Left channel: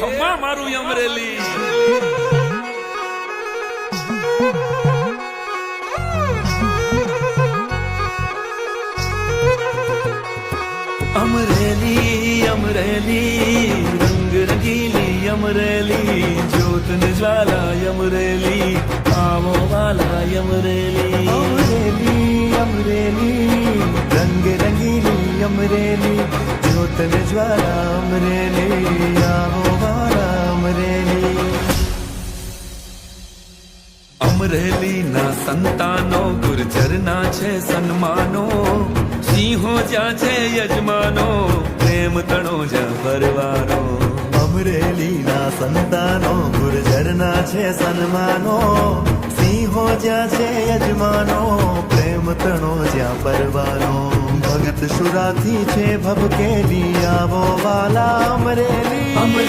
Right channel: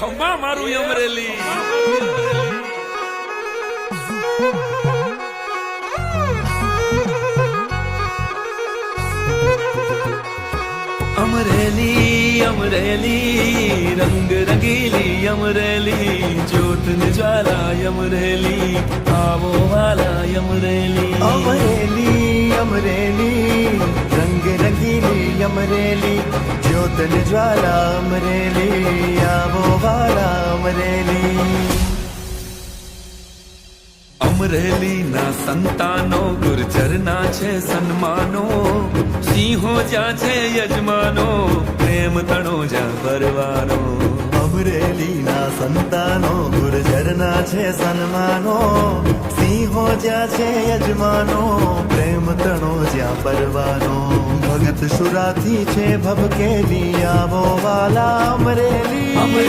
ખમ્મા મારું અમરેલી अमरेली अमरेली रंग रंगीली अमरेली जोत ने ज्वाला अमरेली आवो वाला अमरेली अमरेली अमरेली रंग रंगीली अमरेली जोत ने ज्वाला अमरेली आवो वाला अमरेली અમરેલી ના સંતાનો ગુર્જર ના છે સન્માનો સિંહો જ્યાં છે યજમાનો પ્રેમ તણો જ્યાં પરવાનો અમરેલીના સંતાનો ગુર્જરના છે સન્માનો સિંહો જ્યાં છે યજમાનો પ્રેમ તણો જ્યાં પરવાનો ભગત શુરાથી છે ભભકેલી આવો વાલા અમરેલી